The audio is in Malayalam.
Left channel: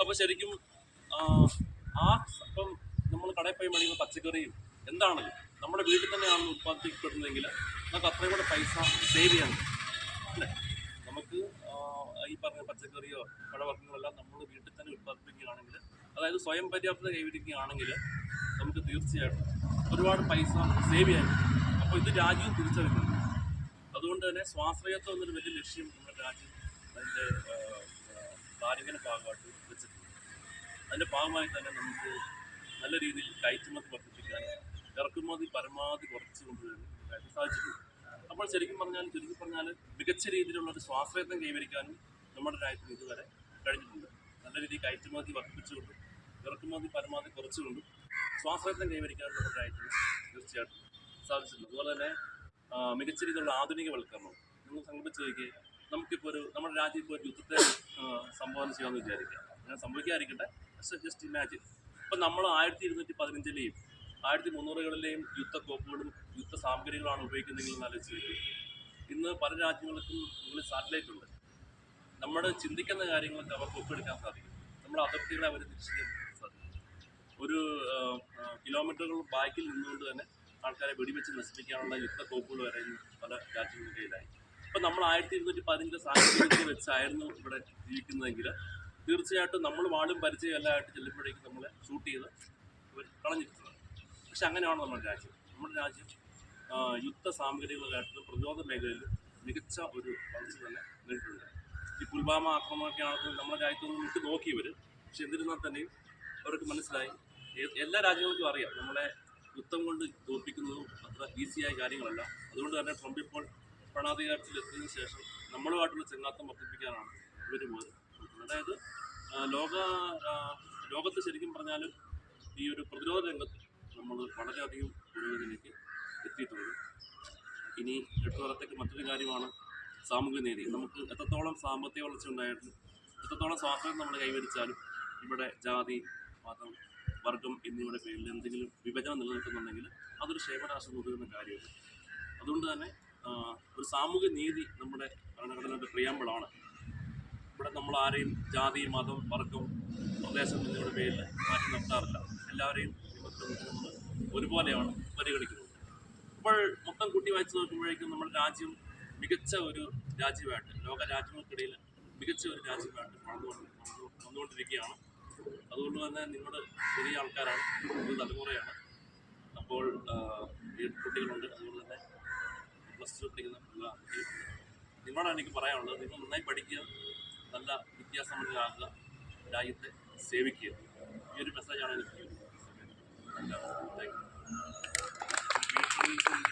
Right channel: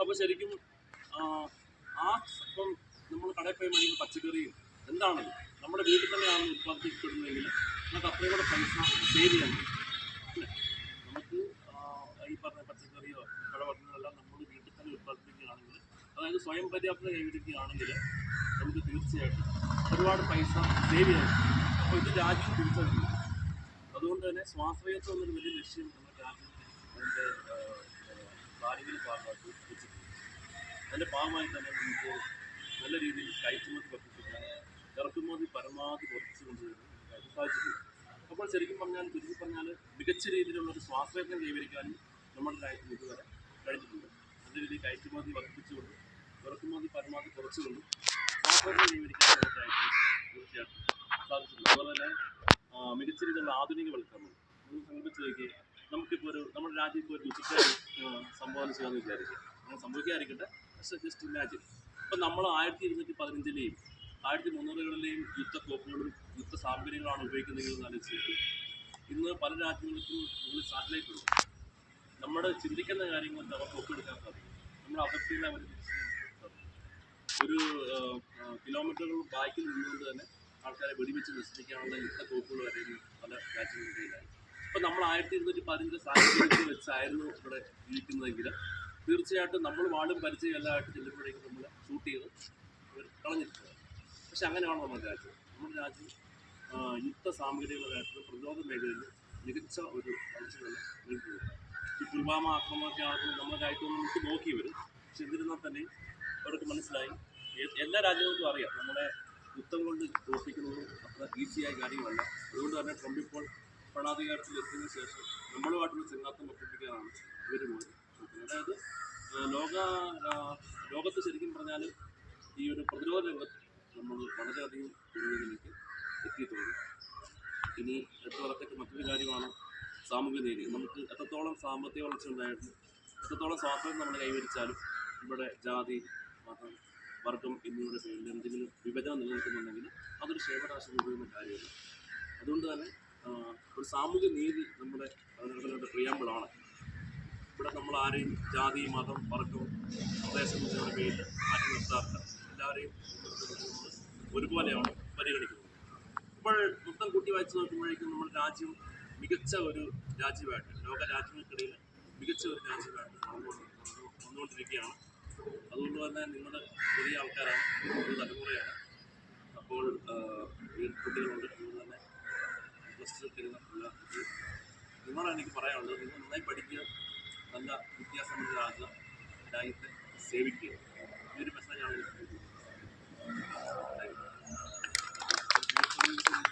അപ്പോൾ ശരിക്കും ആ, ഇപ്പം നമ്മൾ കടയിൽ പോയി മേടിക്കുന്ന പച്ചക്കറിയും എന്താണല്ലോ നമ്മുടെ വീട്ടിൽ തന്നെയാണ് ഉത്പാദിപ്പിക്കപ്പെടുന്നതെങ്കിൽ നമുക്ക് അത്രയും കൂടെ പൈസ സേവ് ചെയ്യാൻ അല്ലേ? നമുക്ക് ഈ പറഞ്ഞ പച്ചക്കറിയോ പഴവർഗങ്ങളെല്ലാം നമ്മൾ വീട്ടിൽ തന്നെ ഉത്പാദിപ്പിക്കുകയാണെങ്കിൽ അതായത് സ്വയം പര്യാപ്തത കൈവരിക്കുകയാണെങ്കിൽ നമുക്ക് തീർച്ചയായിട്ടും ഒരുപാട് പൈസ സേവ് ചെയ്യാൻ അപ്പോൾ ഇത് രാജ്യം തിരിച്ചറിയുന്നുണ്ട്. അതുകൊണ്ട് തന്നെ സ്വാശ്രയത്വം എന്നൊരു വലിയ ലക്ഷ്യം നമ്മുടെ രാജ്യം അതിന്റെ കാര്യങ്ങളുടെ ഭാഗമായിട്ട് അതിന്റെ ഭാഗമായി തന്നെ നമുക്ക് നല്ല രീതിയിൽ കയറ്റുമതി വർദ്ധിപ്പിക്കാൻ ഇറക്കുമതി പരമാവധി കുറച്ച് കൊണ്ടുവരാൻ നമുക്കായിട്ട് സാധിച്ചിട്ടുണ്ട്. അപ്പോൾ ശരിക്കും പറഞ്ഞാൽ ചുരുക്കി പറഞ്ഞാൽ മികച്ച രീതിയിലുള്ള ഒരു സ്വാശ്രയത്വം കൈവരിക്കാനും നമ്മുടെ രാജ്യത്തിന് ഇതുവരെ കഴിഞ്ഞിട്ടുണ്ട്. നല്ല രീതിയിൽ കയറ്റുമതി വർദ്ധിപ്പിച്ചുകൊണ്ടും ഇറക്കുമതി പരമാവധി കുറച്ചുകൊണ്ടും സ്വാശ്രയത്വം കൈവരിക്കാൻ നമ്മുടെ രാജ്യത്തിന് തീർച്ചയായിട്ടും സാധിച്ചിട്ടുണ്ട്. അതുപോലെ തന്നെ മികച്ച രീതിയിലുള്ള ആധുനികവൽക്കരണം. നിങ്ങൾ സങ്കല്പിച്ച് നോക്കിയേ നമുക്കിപ്പോൾ ഒരു നമ്മുടെ രാജ്യം ഇപ്പോൾ ഒരു യുദ്ധത്തെ സംഭാവന ചെയ്യാമെന്ന് വിചാരിക്കുക. അങ്ങനെ സംഭവിക്കാതിരിക്കട്ടെ. ജസ്റ്റ് ഇമാജിൻ ഇപ്പം നമ്മൾ ആയിരത്തി ഇരുന്നൂറ്റി പതിനഞ്ചിലെയും ആയിരത്തി മുന്നൂറുകളിലെയും യുദ്ധക്കോപ്പുകളും യുദ്ധ സാമഗ്രികളാണ് ഉപയോഗിക്കുന്നതെങ്കിൽ എന്ന് ആലോചിച്ച് ഇന്ന് പല രാജ്യങ്ങൾക്കും മുകളിൽ സാറ്റലൈറ്റ് ഉണ്ട് നമ്മൾ ചിന്തിക്കുന്ന കാര്യങ്ങളൊക്കെ അവർക്ക് ഒപ്പിയെടുക്കാൻ സാധിക്കും. നമ്മുടെ അതിർത്തികളെ അവർ തിരിച്ചറിയാൻ സാധിക്കും. ഒരു കിലോമീറ്ററുകൾ ബാക്കിൽ നിന്നുകൊണ്ട് തന്നെ ആൾക്കാരെ വെടിവെച്ച് നശിപ്പിക്കാനുള്ള യുദ്ധക്കോപ്പുകൾ വരെ പല രാജ്യങ്ങളുടെ കയ്യിലായി ഇപ്പം നമ്മൾ ആയിരത്തി ഇരുന്നൂറ്റി പതിനഞ്ചിലെ സാങ്കേതിക വെച്ചായിരുന്നു ഇവിടെ ജീവിക്കുന്നതെങ്കിൽ തീർച്ചയായിട്ടും നമ്മൾ വാളും പരിചയം എല്ലാം ആയിട്ട് ചെല്ലുമ്പോഴേക്കും നമ്മളെ ഷൂട്ട് ചെയ്ത് അവർ കളഞ്ഞിട്ടുള്ളത് പക്ഷെ അങ്ങനെയാണ് നമ്മുടെ രാജ്യം. നമ്മുടെ രാജ്യം യുദ്ധ സാമഗ്രികളായിട്ടും പ്രതിരോധ മേഖലയിൽ മികച്ച ഒരു വളർച്ച തന്നെ നേരിട്ടുണ്ട് ഈ പുൽവാമ ആക്രമണമൊക്കെ ആണെങ്കിലും നമ്മുടെ രാജ്യത്തൊന്നും വിട്ടു നോക്കിയവർ പക്ഷെ എന്നിരുന്നാൽ തന്നെയും അവർക്ക് മനസ്സിലായി. എല്ലാ രാജ്യങ്ങൾക്കും അറിയാം നമ്മളെ യുദ്ധം കൊണ്ട് തോൽപ്പിക്കുന്നതും അത്ര ഈസിയായ കാര്യങ്ങളല്ല. അതുകൊണ്ട് തന്നെ ട്രംപ് ഇപ്പോൾ ഭരണാധികാരത്തിൽ എത്തിയതിനു ശേഷം നമ്മളുമായിട്ടുള്ള ചെങ്ങാത്തം വർദ്ധിപ്പിക്കാനാണ് ഇവർ പോയത്. നോക്കുന്നത് അതായത് ലോക ലോകത്ത് ശരിക്കും പറഞ്ഞാൽ ഈ ഒരു പ്രതിരോധ രംഗത്ത് നമ്മൾ വളരെയധികം പുരോഗതിയിലേക്ക് എത്തിയിട്ടുണ്ട്. ഇനി എട്ട് വർഷത്തേക്ക് മറ്റൊരു കാര്യമാണ് സാമൂഹ്യ നീതി. നമുക്ക് എത്രത്തോളം സാമ്പത്തിക വളർച്ച ഉണ്ടായിരുന്നു എത്രത്തോളം സ്വാതന്ത്ര്യം നമ്മൾ കൈവരിച്ചാലും ഇവിടെ ജാതി മതം വർഗം എന്നിവയുടെ പേരിൽ എന്തെങ്കിലും വിഭജനം നിലനിൽക്കുന്നുണ്ടെങ്കിൽ അതൊരു ക്ഷേമരാശി നൽകുന്ന കാര്യമല്ല അതുകൊണ്ട് തന്നെ ഒരു സാമൂഹ്യ നീതി നമ്മുടെ ഇവിടെ നമ്മൾ ആരെയും ജാതി മതം വർഗം പ്രദേശം എന്നിവയുടെ പേരിൽ മാറ്റി നിർത്താറില്ല. എല്ലാവരെയും നമ്മൾ ഒരുപോലെയാണ് പരിഗണിക്കുന്നത്. അപ്പോൾ മൊത്തം കൂട്ടി വായിച്ചു നോക്കുമ്പോഴേക്കും നമ്മുടെ രാജ്യം മികച്ച ഒരു രാജ്യമായിട്ട് ലോക രാജ്യങ്ങൾക്കിടയിൽ മികച്ച ഒരു രാജ്യമായിട്ട് വളർന്നുകൊണ്ട് വളർന്നു- വന്നുകൊണ്ടിരിക്കുകയാണ്. അതുകൊണ്ട് തന്നെ നിങ്ങൾ പുതിയ ആൾക്കാരാണ് പുതിയ തലമുറയാണ്. അപ്പോൾ കുട്ടികളുണ്ട്. അതുകൊണ്ട് തന്നെ പ്ലസ് ടു പഠിക്കുന്ന നിങ്ങളാണ് എനിക്ക് പറയാനുള്ളത്. നിങ്ങൾ നന്നായി പഠിക്കുക. നല്ല വിദ്യാസമ്പന്നരാകുക രാജ്യത്തെ സേവിക്കുക. ഈ ഒരു മെസ്സേജാണ് എനിക്ക് താങ്ക് യു